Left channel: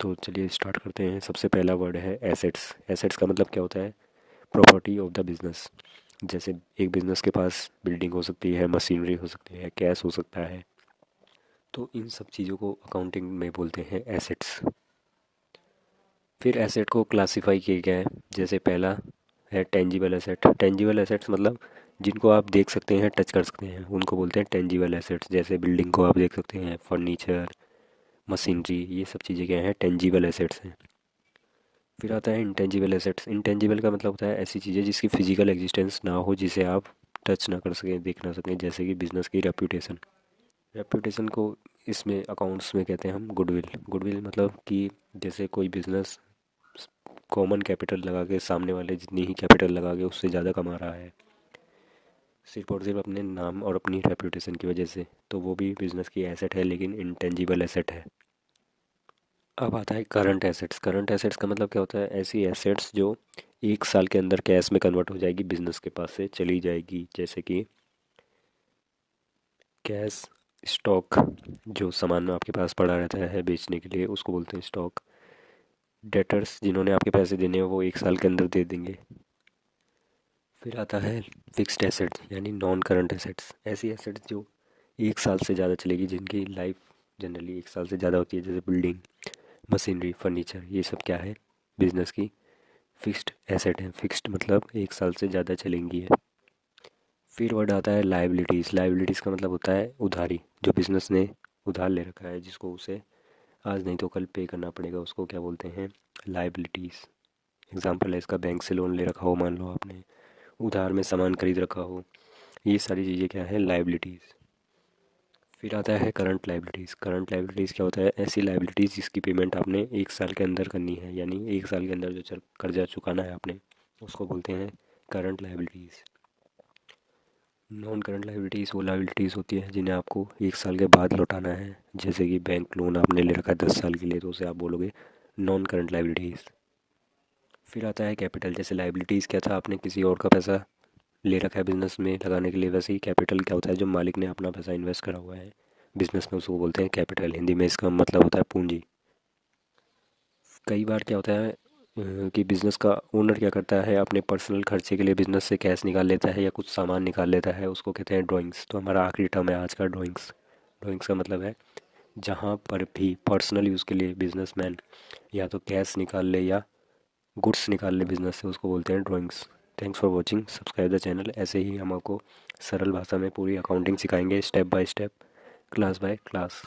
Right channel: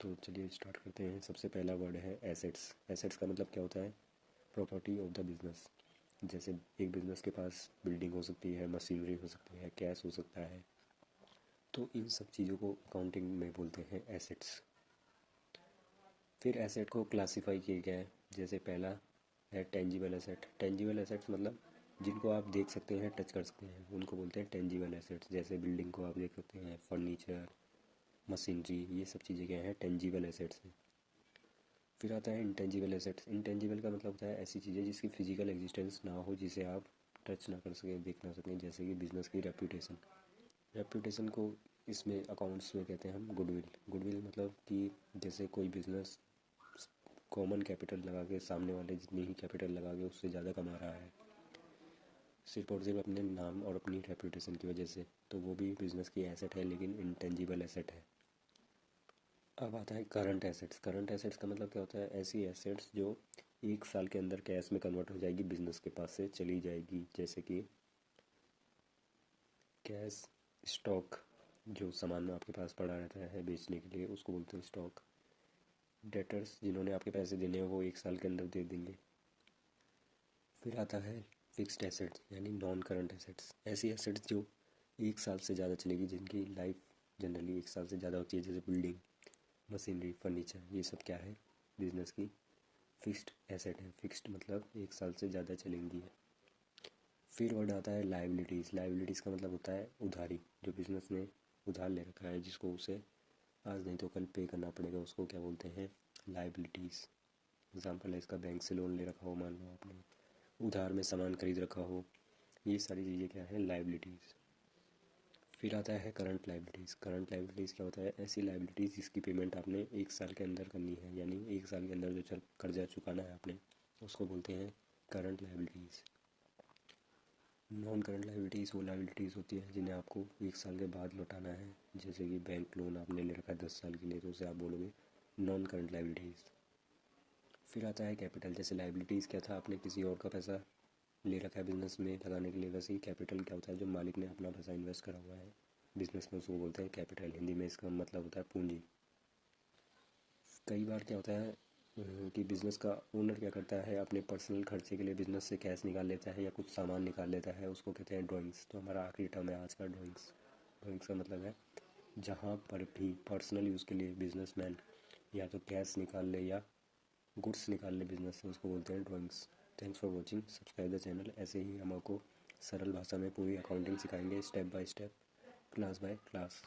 तो चलिए स्टार्ट करते हैं। सबसे पहला वर्ड है एसेट्स। एसेट्स का मतलब क्या होता है? Property of the business. जैसे एक बिजनेस के पास बिल्डिंग हो सकती है, मशीनरी हो सकती है, कैश हो सकता है। तो इन सब चीज़ों को अकाउंटिंग में बोलते हैं एसेट्स। फिर एसेट को क्लासिफाई किया गया है। जैसे पहला है टेंजिबल एसेट। टेंजिबल एसेट्स मतलब जिनको आप देख सकते हैं, टच कर सकते हैं, उनको बोलते हैं टेंजिबल एसेट्स। जैसे बिल्डिंग को आप देख सकते हैं, फर्नीचर, मशीनरी, ये सब चीज़ें क्या हैं? टेंजिबल एसेट्स हैं। फिर आता है इंटेंजिबल एसेट्स। इंटेंजिबल का मतलब होता है ऐसी चीज़ें जिसकी फिजिकल एग्जिस्टेंस ना हो, जिसे आप टच ना कर सकें, देख ना सकें। जैसे कि बिजनेस की रेप्यूटेशन। रेप्यूटेशन को इसमें अकाउंट्स में कहते हैं हम गुडविल। गुडविल मतलब कि जैसे कोई बिजनेस कॉमन कैपिटल लगा के, सामने वाले जितनी ही कैपिटल लगा के उससे ज़्यादा कमा रहा है, सिर्फ और सिर्फ अपने नाम और अपनी रेप्यूटेशन की वजह से, तो वो भी बिजनेस की एसेट है, लेकिन इंटेंजिबल एसेट है। अब आता है करंट एसेट्स। करंट एसेट्स का मतलब क्या होता है? ऐसी एसेट्स जो 1 साल के अंदर कैश में कन्वर्ट हो जाएगी, बिजनेस के पास से चली जाएगी। जैसे कि कैश, स्टॉक, जो सामान आपके पास पड़ा रहता है बेचने के लिए, उसको बोलते हैं स्टॉक। डेटर्स, जिन्होंने आपके पैसे देने हैं वो 1 साल के अंदर दे देंगे। फिर आता है फिक्स्ड एसेट्स यानी नॉन करंट एसेट्स। ऐसी एसेट्स जो 1 साल से ज़्यादा चलेगी, जिनकी लाइफ जनरली 1 साल से ज़्यादा होती है। जैसे बिल्डिंग, मशीनरी, फर्नीचर, ये सब क्या है? बिजनेस की फिक्स्ड एसेट है। फिक्स्ड मतलब 1 साल से ज़्यादा चलेंगी है। फिर वर्ड आता है लाइबिलिटीज़। लाइबिलिटीज़ का मतलब होता है उधारी। जो बिजनेस ने उधार ले रखा है, जिसको उसे आज नहीं तो कल पे करना पड़ेगा, उसको क्या बोलते हैं? लाइबिलिटीज़। एग्जाम्पल है इसका, बैंक से लोन ले रखा हो, मान लो आपने उधार में सामान खरीद रखा हो। ये सारी चीज़ें क्या है? लाइबिलिटीज़। फिर आता है करंट लाइबिलिटीज़। करंट लाइबिलिटीज़ क्या होता है? ऐसी लाइबिलिटीज़ जिसकी पेमेंट आपने 1 साल के अंदर करनी है, यानी 1 साल के अंदर जो चल कर्जा चुकाना है आपने, उसको बोलते हैं current liabilities. Non current liabilities वो लाइबिलिटीज़ होती है जिन्हें आपको 1 साल के बाद लौटाना है। जैसे कि बैंक लोन आपने ले रखा है 10 साल के लिए, तो उसे आप बोलोगे नॉन करंट लाइबिलिटीज़। फिर आता है कैपिटल। जैसे लाइबिलिटीज़ क्या था? आपने किसी और का पैसा ले रखा है बिजनेस में लगाने के लिए, वैसे ही कैपिटल क्या होता है? जो मालिक ने अपना पैसा इन्वेस्ट करा हुआ है बिजनेस में, उसको बोलते हैं कैपिटल। हिंदी में इसका मतलब होता है पूंजी। कई बार क्या होता है कि बिज़नेस का ओनर क्या करता है, अपने पर्सनल खर्चे के लिए बिज़नेस से कैश निकाल लेता है या कुछ सामान निकाल लेता है, उसको कहते हैं ड्राइंग्स। तो हमारा आखिरी टर्म है आज का, ड्राइंग्स। ड्राइंग्स का मतलब है जहाँ पर भी पर्सनल यूज़ के लिए बिजनेसमैन या तो कैश निकाल ले या गुड्स निकाल ले बिजनेस से, उसको बोलते हैं drawings. Thanks for watching, subscribe the channel. ऐसे ही हम आपको सरल भाषा में पूरी अकाउंटिंग सिखाएंगे, step by step, class by class.